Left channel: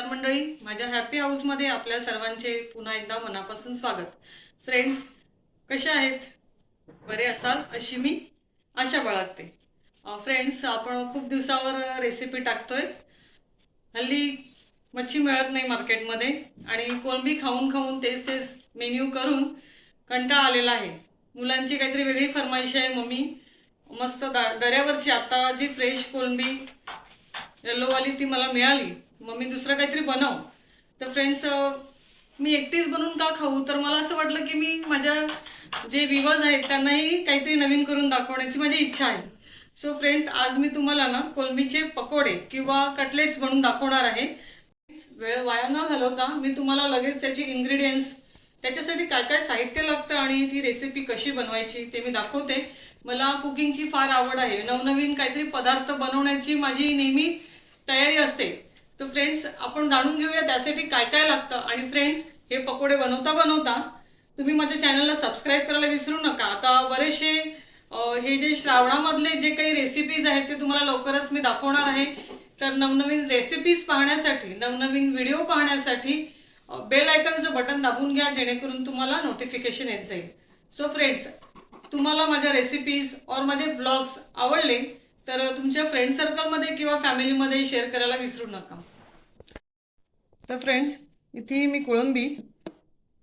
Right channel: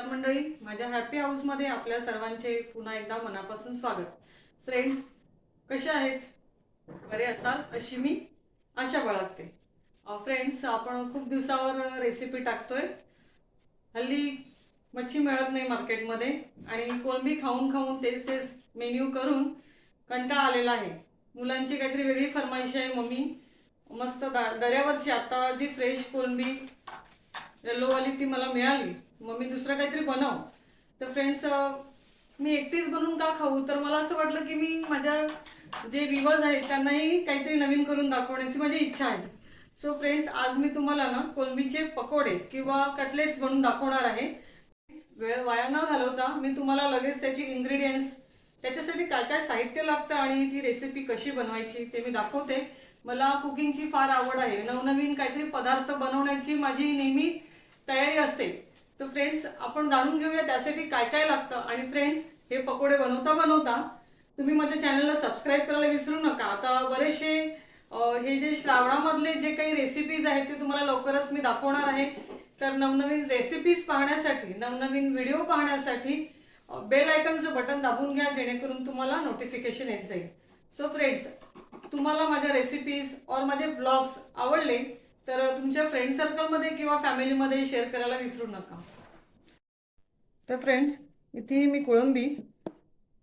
तर मंडळी माझ्या हॅपी हाऊसमध्ये आपल्या सर्वांचे पुन्हा एकदा मनापासून स्वागत. फ्रेंड्स कसे आहेत? बरे असाल अशी मी आशा बाळगते. फ्रेंड्स आपण खूप दिवसावर रेसिपी टाकतोय. हल्ली मच्छी मिळत नाही मार्केटमध्ये आणि कोलंबी खाऊन खाऊन तेच तेच मेन्यू करून कंटाळा आलेला आहे. मुलांची काहीतरी वेगळी फरमाईश आहे मम्मी. मस्त दा दऱ्यावरची आत्ता जी फ्रेश कोलंबी येल्लोवाली ती मला मिळाली. मग मी दुसरं काहीतरी बनव. तर फ्रेंड्स मी एकटीच बनवून का खाऊ? तर मला असं वाटलं की मी माझ्या जे विवर्स आहेत त्यांनाही काहीतरी नवीन करून दाखवण्याची माझी इच्छा आहे. सो फ्रेंड्स आज मी तुम्हाला ना कोलंबीचे पकोडे किंवा कटलेट्स बनवून दाखवणार आहे. वेळ वाया न घालवता मी तुम्हाला लगेच त्याची इन्ग्रेडियंट्स त्याच्यासाठी काय काय साहित्य लागतं आणि ती रेसिपी कशी बनवायची ते मी दाखवते. मला कुकिंगची फार आवड आहे. नवनवीन काहीतरी पदार्थ बनवण्याची माझी नेहमी तयारी असते. तर फ्रेंड्स आपण जाणून घेऊया त्यासाठी काय काय लागतं. आणि फ्रेंड्स हे पकोडे बनवता बनवता तुम्ही माझ्या चॅनलला सबस्क्राईब करायला विसरू नका. आता बरेचसे हे जे श्रावणामधले जे काही रेसिपीज आहेत ते तुम्हाला लवकरच मी दाखवणार आहे. तर नवनवीन रेसिपीज पाहण्यासाठी नवनवीन व्हिडिओ पाहण्यासाठी बेल आयकनचं बटन दाबून घ्या जेणेकरून तुम्हाला नोटिफिकेशन येत जाईल. सो फ्रेंड्स तुम्हाला माझ्या रेसिपीज और माझे ब्लॉग्स आवडले तर तुमच्या फ्रेंड सर्कलमध्ये किंवा फॅमिलीमध्ये शेअर करायला विसरू नका. तर फ्रेंड्स इथे मी कोळंबी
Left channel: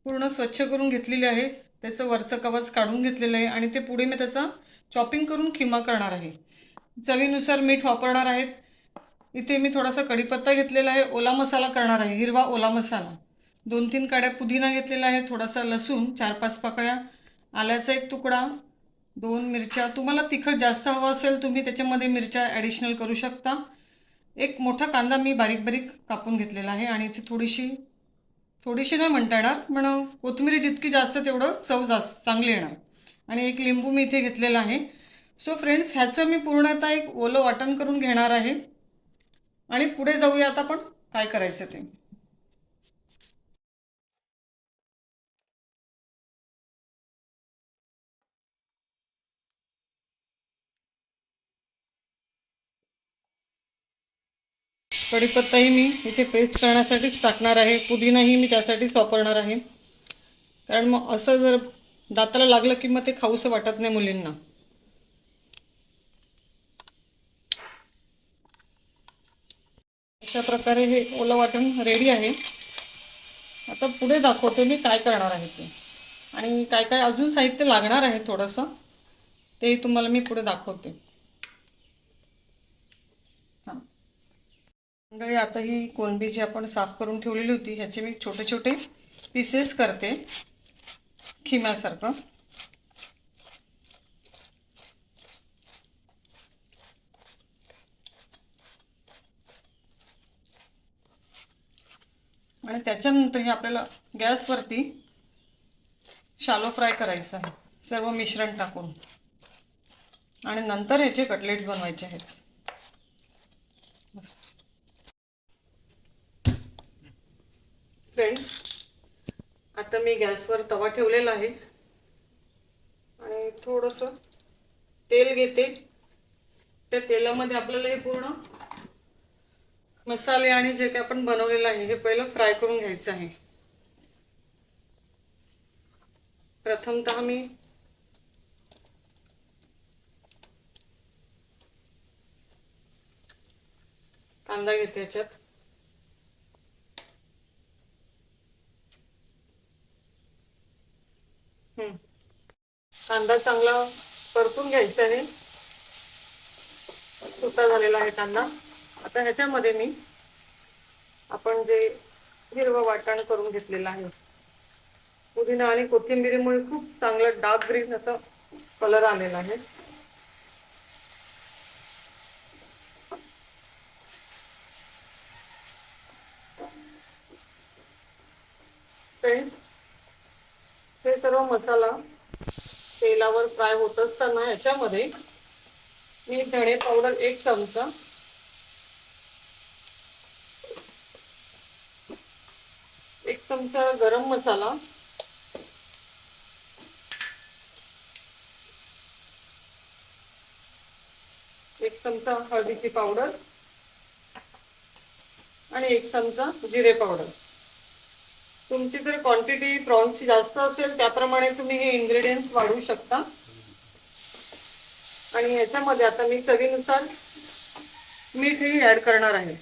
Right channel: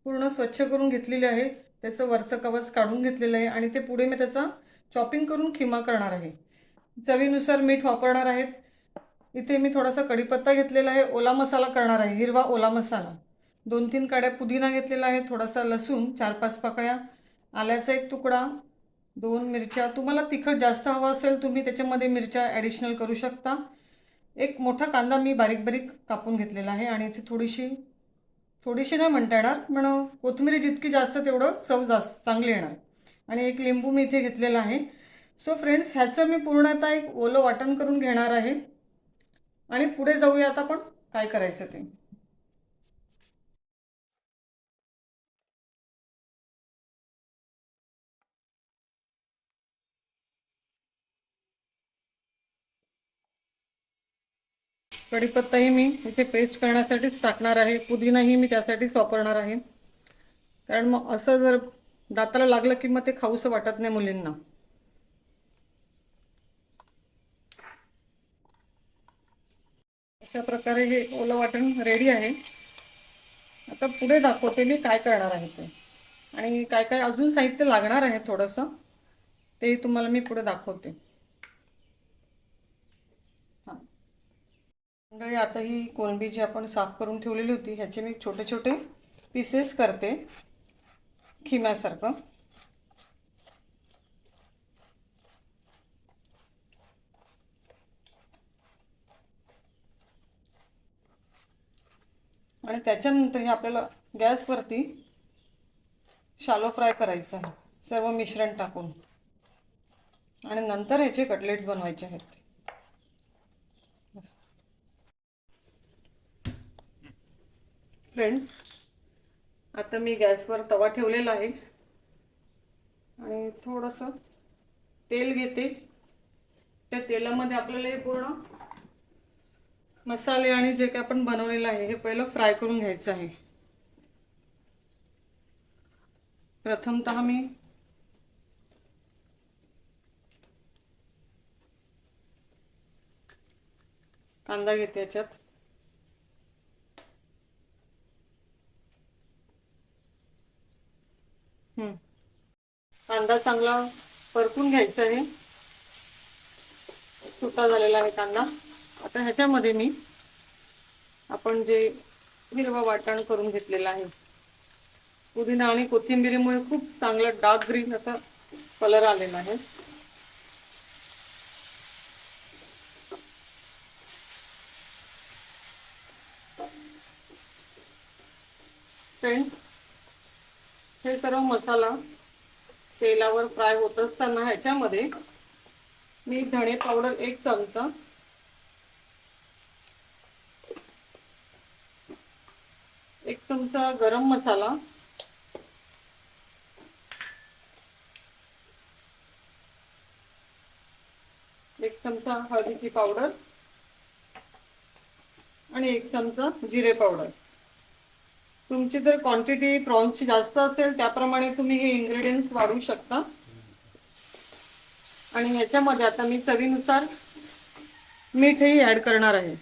पूर्ण स्वच्छ करून घेतलेली आहे. त्याचं वरचं कवच काढून घेतलेलं आहे आणि ते पुढे मी त्याचा चॉपिंग करून खिमा करणार आहे. चवीनुसार मीठ वापरणार आहेत. इथे मी थोडासा कढीपत्ता घेतलेला आहे. ओला मसाला करणार आहे. हिरवा ओला मसाला. दोन तीन काड्या पुदिना घेतलेला आहे. थोडासा लसूण चार पाच पाकळ्या आल्याचा एक तुकडा दोन मिरच्या. तुम्हाला तिखट जास्त हवं असेल तुम्ही त्याच्यामध्ये मिरच्या ॲडिशनल करू शकता. एक मोठा कांदा मी बारीक बारीक कापून घेतलेला आहे आणि इथे थोडीशी थोडीशी नाही म्हणता येणार पण कोथिंबीर जितकी जास्त तेवढं चव जास्त चांगली येणार. आणि एक लिंबू मी इथे घेतलेला आहे. सो फ्रेंड्स ह्याचं मी पूर्ण आता एक ओलं वाटण करून घेणार आहे. आणि पुढे जाऊया आता आपण काय करायचं ते. कढीपत्ताही मी इथे पेस्ट करण्यासाठीच टाकणार आहे. पुदिनाही मी त्यासाठीच वापरणार आहे. कारण मग असं जर दाताला लागलं की मग ते खाऊसं वाटत नाही मुलींना. अशा प्रकारे हे ओलं वाटण रेडी आहे. आता पुढे दाखवते मी काय करणार आहे ते. आणि काय काय अजून साहित्य लागणार आहे थोडंसं तेही तुम्हाला मी पुढे दाखवते हां मंडळी आता ही कोलंबी जी आपण साफ करून ठेवलेली होती ह्याचे मी छोटे छोटे पीसेस करते. खिम्यासारखं. आणि त्याच्यानंतर हे आपल्याला गॅसवरती शालो फ्राय करायचं आहे. सर्व मिश्रण टाकून. आणि नंतर ह्याचे कटलेट्स बनवायचे आहेत. फ्रेंड्स आता मी गॅसवर तवा ठेवलेला आहे. आणि थोडंसं तेल घेते. त्या तेलामध्ये आपल्याला हे पूर्ण मसाले आणि जे काही आपण बनवलेलं आहे हे पहिलं फ्राय करून घ्यायचं आहे. प्रथमतः मी कांदा घेते याच्यात. कांदा चांगला परतून घ्यायचा आहे. सुटा झालेला आहे कांदा. आता ह्याच्यामध्ये मी आपण जे हिरवं वाटण करून घेतलेलं आहे. पुदिना आणि कोथिंबिरीमुळे खूप चांगलं डार्क ग्रीन असं कलर आलेला आहे. फ्रेंड्स हे सर्व मसाला तेलावर फ्राय होत असताना ह्याच्यामध्ये मी धणे पावडर एक चमचा एक चमचा गरम मसाला एक चमचा हळदीची पावडर आणि एक चमचा जिरे पावडर. तुमची जर क्वांटिटी प्रॉन्सची जास्त असेल त्याप्रमाणे तुम्ही हे इन्ग्रेडियंट्स वाढवू शकता. आणि याच्यामध्ये आता मी चवीनुसार मीठही ऍड करणार आहे.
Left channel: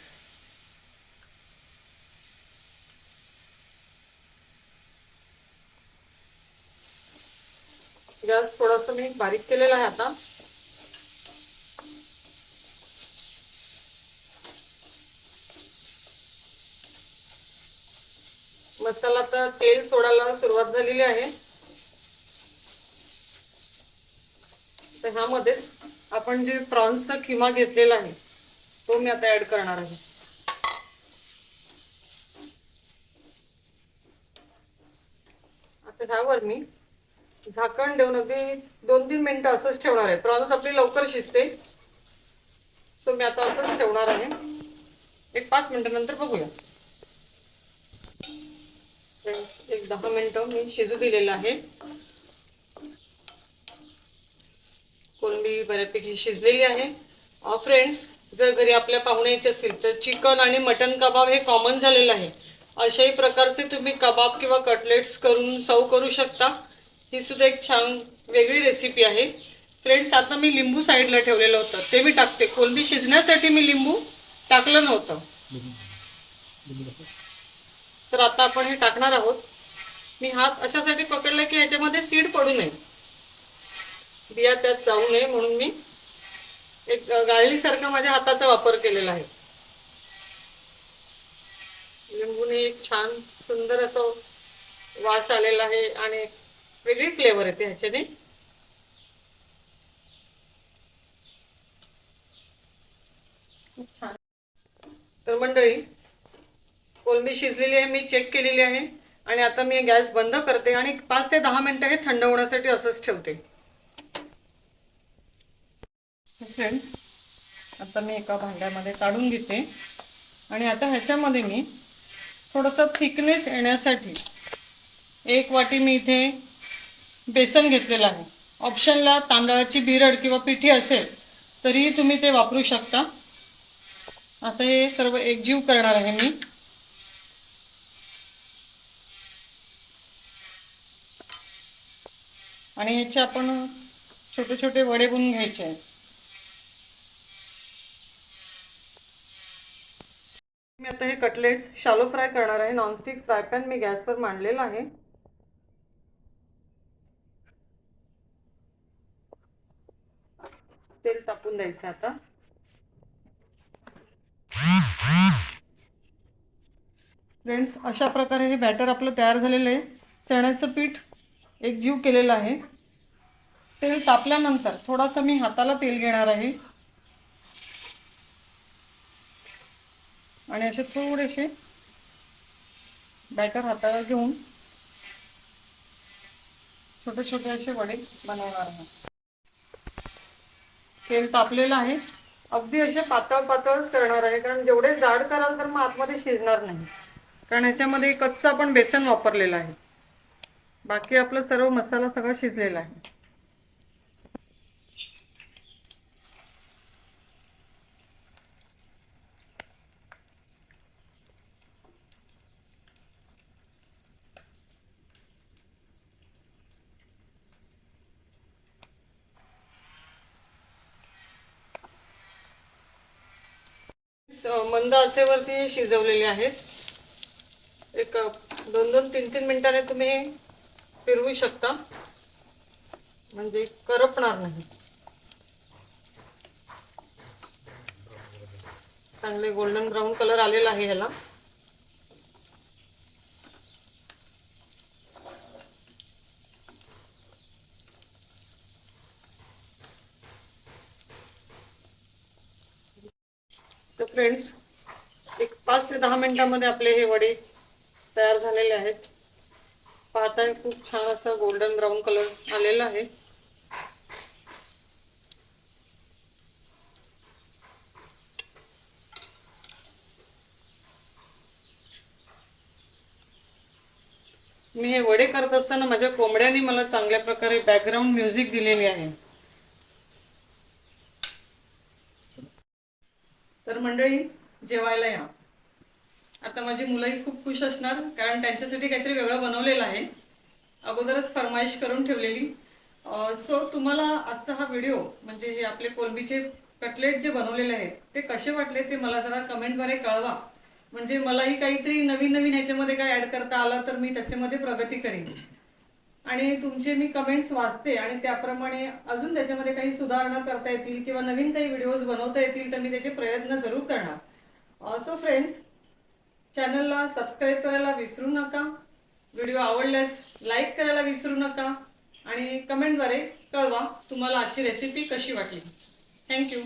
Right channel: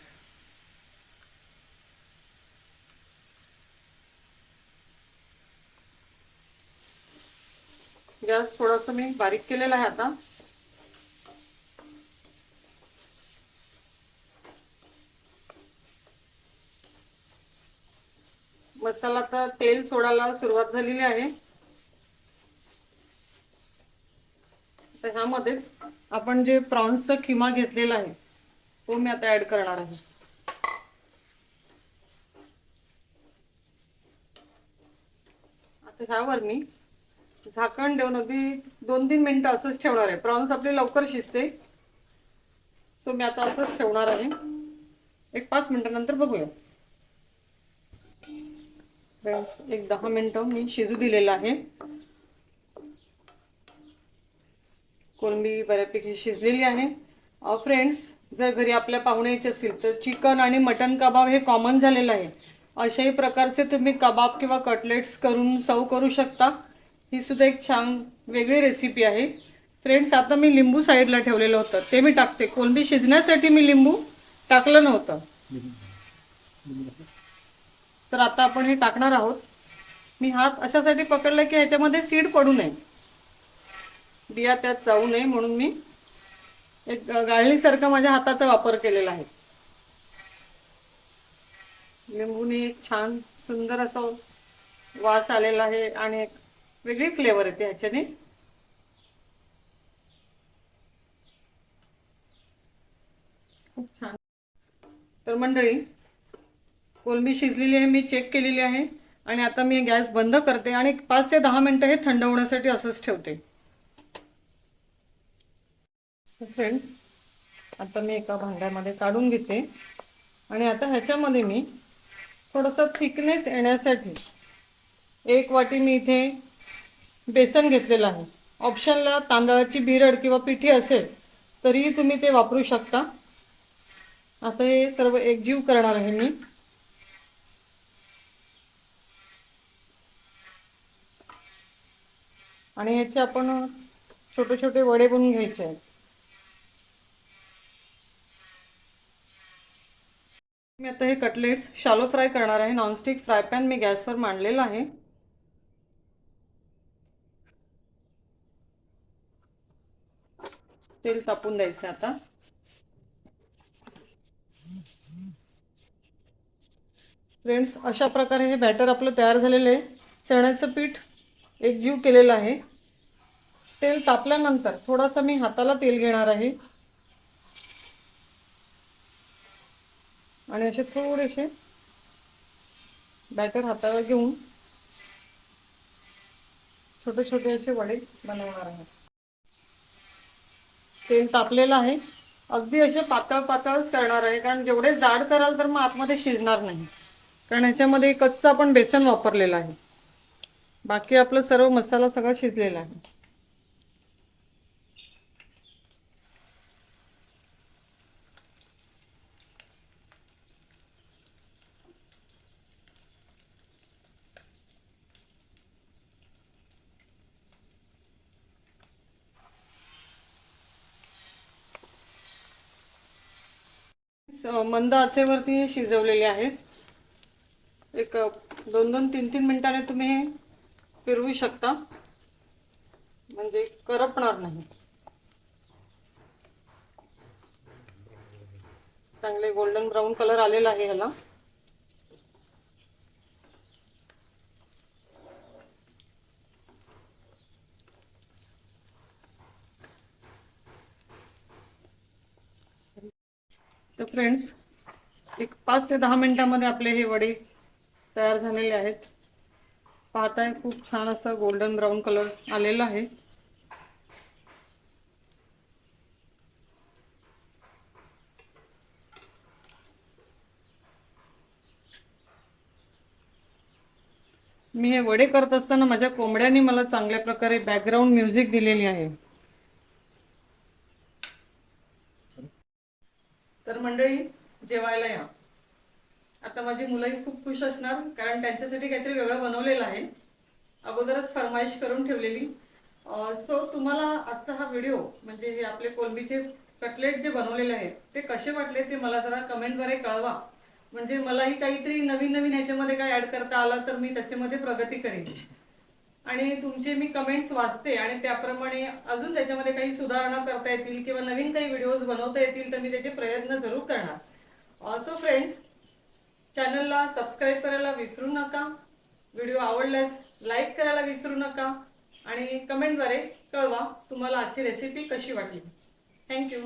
गॅस थोडस मी बारीक केलेला आहे आता. मसाला तर तेल सोडायला सुरुवात झालेली आहे. तर ह्यामध्येच आपण जे प्रॉन्सचा किमा घेतलेला आहे तो मी आता ऍड करणार आहे. आता ह्यावर मी झाकण देऊन अगदी दोन तीन मिनटं असंच ठेवणार आहे. प्रॉन्स आपली लवकर शिजते. सो मी आता असंच ठेवणार आहे. एक पाच मिनटानंतर बघूया. फ्रेंड्स एक दहा मिनटं मी शिजू दिलेलं आहे. कोलंबी बऱ्यापैकी शिजलेली आहे. फ्रेंड्स जर घरी आपल्या पाहुण्याचे असतील तर चिकन आणि मटन कबाब हे कॉमन झालेलं आहे. अशाही प्रकारचे तुम्ही कबाब किंवा कटलेट्स करून सर्व करू शकता. ही सुद्धा एक छान वेगळी रेसिपी आहे. फ्रेंड्स आता मी लिंबू साईडला ठेवलेलं होतं. ते मी टाकते. कोलंबी शिजण्यासाठी मी लिंबू टाकलं नव्हतं. तर आता आपण हे टाकणार आहोत. मी हात अशासाठी पकडला की ह्याच्यामध्ये सीड पडू नये. बिया त्यात जाऊ नये म्हणून मी एक गाळणीसारखं माझ्या हाताचा वापर केलेला आहे. लिंबूने एक छान सुंदर असं वास आलेला आहे आणि एक वेगळी फ्लेवर येते ह्याच्याने. खूप छान. तर मंडळी कोलंबी शिजलेली आहे मी चेक केलेली आहे. आणि आता मी गॅस बंद करते आणि पाच ते दहा मिनटं हे थंड होण्यासाठी असंच ठेवते. फ्रेंड्स आता मी एका भांड्यामध्ये काढून घेते. आणि आता ह्याच्यामध्ये मी थोडंसं थिकनेस येण्यासाठी एक वाटी मी इथे बेसन घेतलेलं आहे. ऑप्शनला तांदळाची बिरड किंवा पिठी असेल तरीही तुम्ही ते वापरू शकता. आता हे सर्व एकजीव करणार आहे मी. आणि ह्याचे आपण छोटे छोटे वडे बनवून घ्यायचे आहेत. मी आता हे कटलेट्स शालो फ्राय करणार आहे. नॉनस्टिक फ्राय पॅन मी गॅसवर मांडलेला आहे. तेल तापून द्यायचं आता. फ्रेंड्स अशा प्रकारे हे बॅटर आपलं तयार झालेलं आहे. चण्याचं पीठ एक जीव केलेला आहे. तेल तापल्यानंतर थोडासा मी हाताला तेल घेणार आहे. आणि असे थोडेसे बॅटर हातावर घेऊन छोटे छोटे असे वडे बनवणार आहे. तेल तापलेलं आहे. अगदी असे पातळ पातळच करणार आहे. कारण जेवढे जाड कराल तर मग आतमध्ये शिजणार नाही. कारण ह्याच्यामध्ये कच्चा आपण बेसन वापरलेलं आहे. बाकी आपलं सर्व मसाला सगळा शिजलेला आहे. मंद आचेवरती शिजवलेले आहेत. एक दोन दोन तीन तीन मिनिटाने तुम्ही फिरवू शकता. म्हणजे करपणार नाही. चांगले गोल्डन ब्राऊन कलर आलेला आहे ह्याला. तर फ्रेंड्स एक पाच ते दहा मिनिटांमध्ये आपले हे वडे तयार झालेले आहेत. पाहताय खूप छान असं गोल्डन ब्राऊन कलर आलेला आहे. मी हे वडे करत असताना माझ्या कोंबड्यांनी मला चांगल्या प्रकारे बॅकग्राऊंड म्युझिक दिलेली आहे. तर मंडळी जेवायला या. आता माझी मुलंही खूप खुश असणार कारण त्यांच्यासाठी काहीतरी वेगळं बनवलेलं आहे. अगोदरच फरमाईश करून ठेवलेली. सो तुम्हाला आजचा हा व्हिडिओ म्हणजे हे आपले कोलंबीचे कटलेट जे बनवलेले आहेत ते कसे वाटले ते मला जरा कमेंटद्वारे कळवा. म्हणजे मलाही काहीतरी नवीन नवीन ह्याच्यामध्ये काय ॲड करता आलं तर मी त्याच्यामध्ये प्रगती करीन. आणि तुमचे मी कमेंट्स वाचते आणि त्याप्रमाणे अजून त्याच्यामध्ये काही सुधारणा करता येतील किंवा नवीन काही व्हिडिओज बनवता येतील तर मी त्याचे प्रयत्न जरूर करणार. सो फ्रेंड्स चॅनलला सबस्क्राईब करायला विसरू नका. व्हिडिओ आवडल्यास लाईक करायला विसरू नका. आणि कमेंटद्वारे कळवा तुम्हाला आजची रेसिपी कशी वाटली. थँक्यू.